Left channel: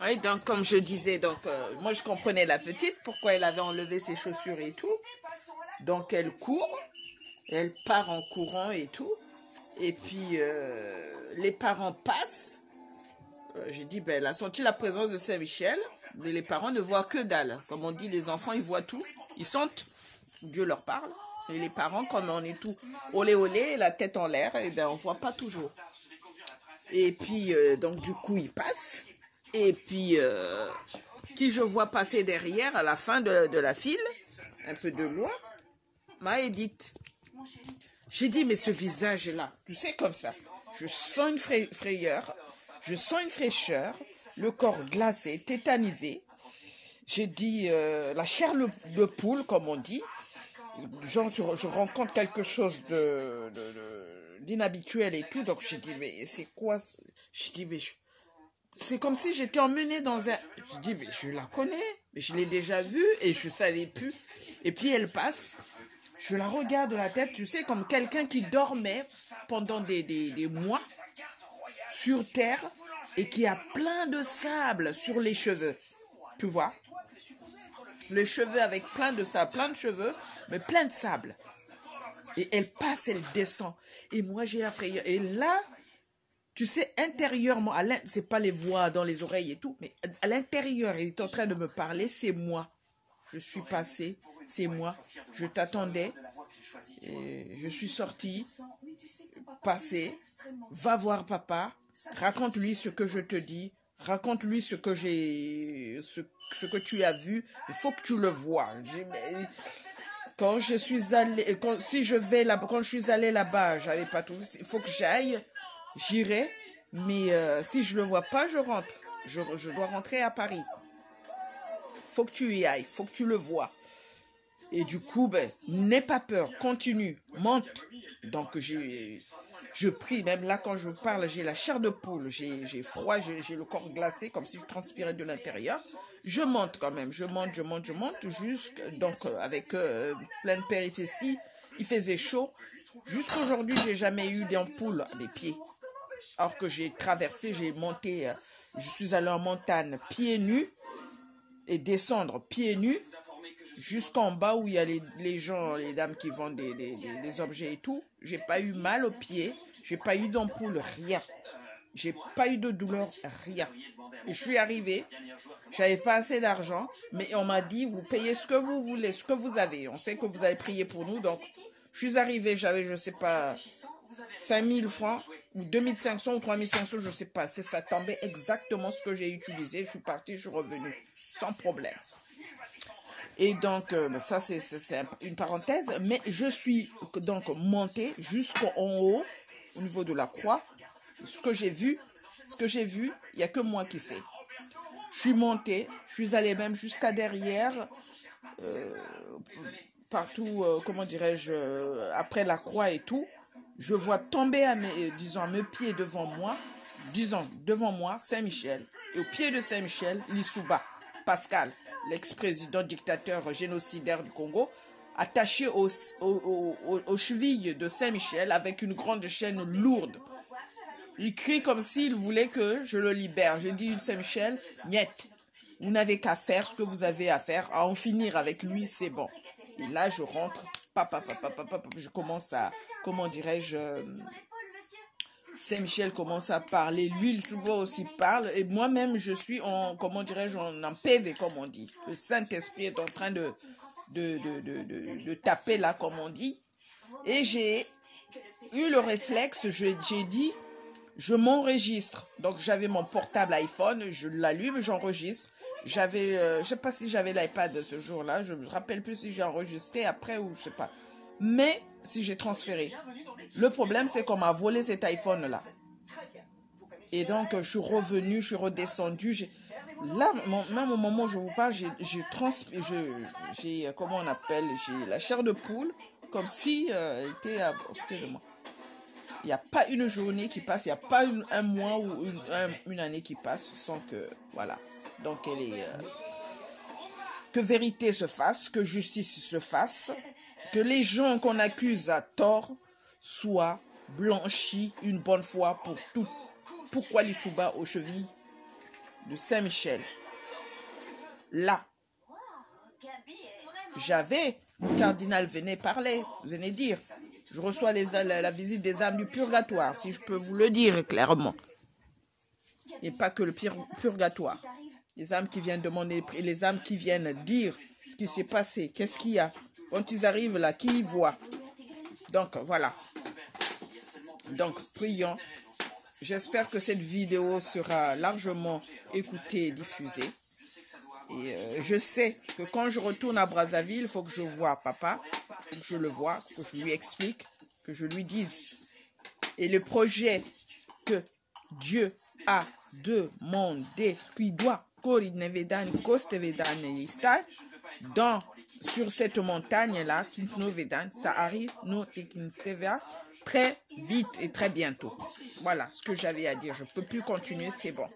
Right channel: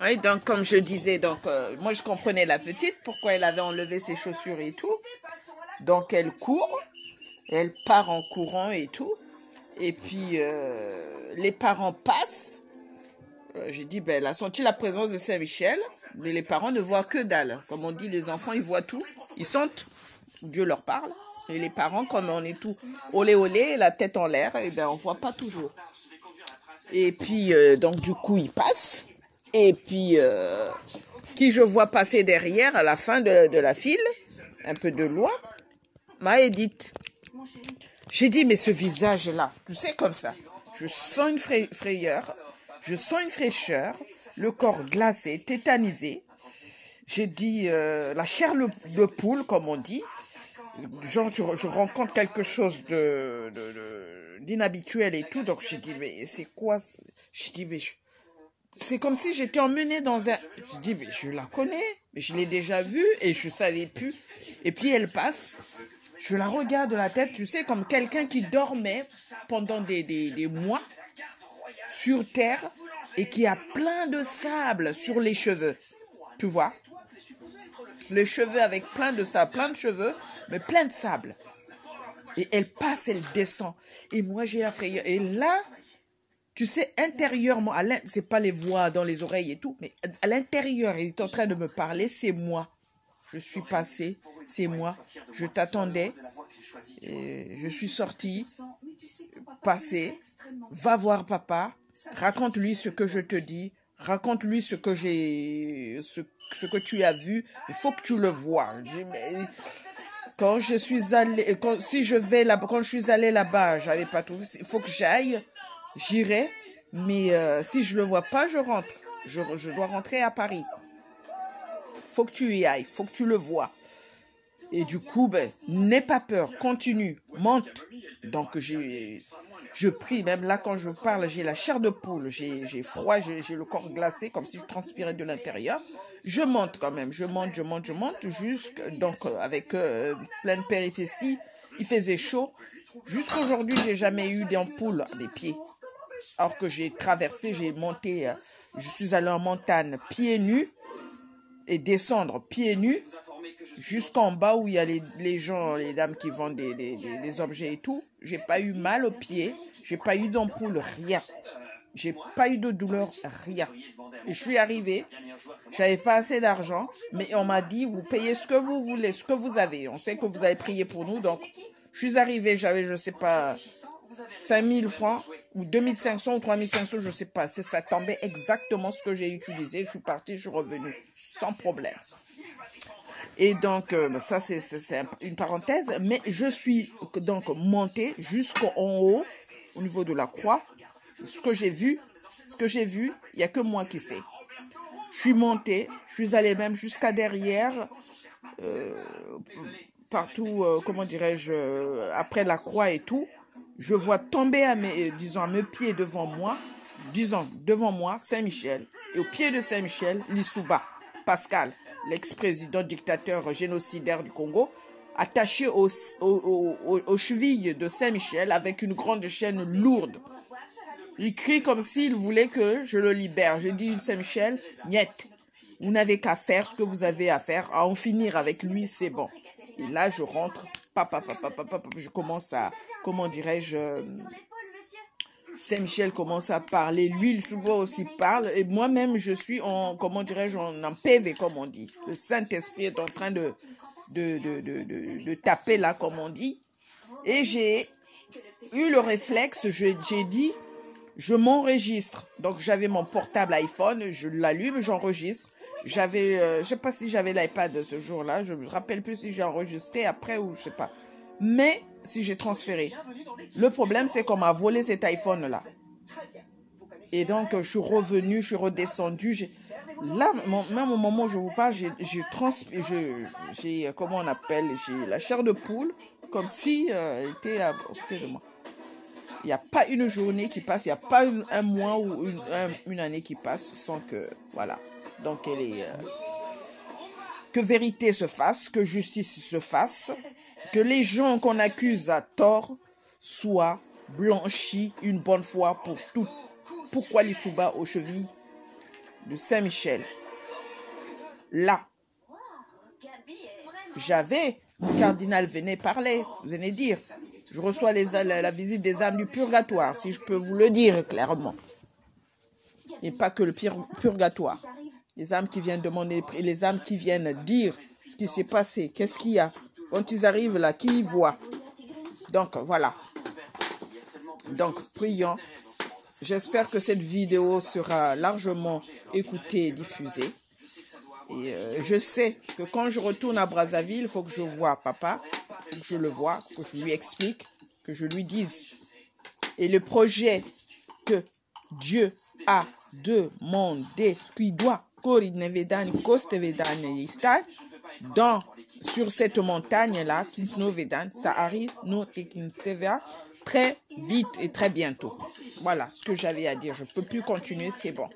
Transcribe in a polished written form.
Oui, donc comme je disais, donc moi je comprenais la petite, pourquoi elle avait enlevé ses chaussures et tout. Donc elle court, elle part en courant et tout. Et puis les parents passent. J'ai dit, ben, elle a senti la présence de Saint-Michel, mais les parents ne voient que dalle. Comme on dit, les enfants, ils voient tout, ils sentent, Dieu leur parle. Et les parents, comme on est tout olé olé, la tête en l'air, et ben on voit pas toujours. Et puis, donc du coup, ils passent. Et puis, qui je vois passer derrière, à la fin de la file, un peu de loin, m'a Edith. J'ai dit, mais ce visage-là, tu sais, comme ça, je sens une frayeur, je sens une fraîcheur, le corps glacé, tétanisé. J'ai dit, la chair de poule, comme on dit. Genre, je rencontre quelque chose d'inhabituel et tout. Donc, j'ai dit, mais c'est quoi? Je dis, mais c'est comme si j'étais emmenée dans un... Je dis, mais je la connais, mais je l'ai déjà vue et je ne savais plus. Et puis, elle passe. Je la regarde de la tête, tu sais, comme quelqu'un qui dormait pendant des mois sur terre et qui a plein de sable sur les cheveux. Tu vois? Les cheveux avec plein de sable, plein de cheveux, mais plein de sable. Et elle passe, elle descend. Et moi, j'ai la frayeur. Et là, tu sais, intérieurement, c'est pas les voix dans les oreilles et tout, mais à l'intérieur, il est en train de me parler, c'est moi. Je suis passée, c'est moi. Je t'attendais. Je suis sortie, passée. Va voir papa. Raconte-lui ce que je te dis. Raconte-lui ce que ce que tu as vu. Il faut que tu le vois. Quand je suis allée, quand je suis allée là-bas, j'avais pas trouvé. Il faut que j'aille. J'irai. Mais si je le vois pas, je rentre. Je dois rentrer à Paris. Faut que tu y ailles. Faut que tu le vois. Et du coup, ben, n'aie pas peur, continue, monte. Donc, je prie, même là, quand je parle, j'ai la chair de poule, j'ai froid, j'ai le corps glacé, comme si je transpirais de l'intérieur. Je monte quand même, je monte, donc, avec plein de péripéties, il faisait chaud. Jusqu'aujourd'hui, j'ai jamais eu d'ampoule à mes pieds. Alors que j'ai traversé, j'ai monté, je suis allé en montagne pieds nus et descendre pieds nus. Jusqu'en bas où il y a les gens, les dames qui vendent des objets et tout. J'ai pas eu mal aux pieds. J'ai pas eu d'ampoule, rien. J'ai pas eu de douleur, rien. Et je suis arrivée. J'avais pas assez d'argent. Mais on m'a dit, vous payez ce que vous voulez, ce que vous avez. On sait que vous avez prié pour nous. Donc, je suis arrivée, j'avais, je sais pas, 5000 francs ou 2500 ou 3500, je sais pas. Ça tombait exactement ce que j'ai utilisé. Je suis partie, je suis revenue. Sans problème. Et donc, ça, c'est une parenthèse. Mais je suis donc montée jusqu'en haut, au niveau de la croix. Ce que j'ai vu, il n'y a que moi qui sais. Je suis montée, je suis allée même jusqu'à derrière, partout, comment dirais-je, après la croix et tout. Je vois tomber à mes pieds devant moi, Saint-Michel. Et au pied de Saint-Michel, Lissouba, Pascal, l'ex-président dictateur génocidaire du Congo, attaché aux chevilles de Saint-Michel avec une grande chaîne lourde. Il crie comme s'il voulait que je le libère. Je dis, Saint-Michel, niet, vous n'avez qu'à faire ce que vous avez à faire, à en finir avec lui, c'est bon. Et là, je rentre, je commence à, comment dirais-je, Saint-Michel commence à parler, lui, il aussi parle, et moi-même, je suis en, comment dirais-je, en PV, comme on dit. Le Saint-Esprit est en train de taper là, comme on dit. Et j'ai eu le réflexe, j'ai dit, je m'enregistre. Donc, j'avais mon portable iPhone, je l'allume, j'enregistre. J'avais, je sais pas si j'avais l'iPad ce jour-là, je me rappelle plus si j'ai enregistré après ou je sais pas. Mais, si j'ai transféré. Le problème, c'est qu'on m'a volé cet iPhone-là. Et donc, je suis revenue, je suis redescendue. Là, même au moment où je vous parle, j'ai, comment on appelle, j'ai la chair de poule, comme si elle était à côté de moi. Il n'y a pas une journée qui passe, il n'y a pas un mois ou une année qui passe sans que, voilà. Donc, elle est... que vérité se fasse, que justice se fasse, que les gens qu'on accuse à tort soient blanchis une bonne fois pour toutes. Pourquoi Lissouba aux chevilles de Saint-Michel. Là, j'avais, le cardinal venait parler, venait dire, je reçois la visite des âmes du purgatoire, si je peux vous le dire clairement. Et pas que le purgatoire. Les âmes qui viennent demander, les âmes qui viennent dire ce qui s'est passé, qu'est-ce qu'il y a. Quand ils arrivent là, qui y voient. Donc, voilà. Donc, prions. J'espère que cette vidéo sera largement écoutée et diffusée. Et je sais que quand je retourne à Brazzaville, il faut que je voie papa, que je le vois, que je lui explique, que je lui dise. Et le projet que Dieu a demandé, qui doit, sur cette montagne-là, ça arrive, très vite et très bientôt. Voilà ce que j'avais à dire. Je ne peux plus continuer, c'est bon.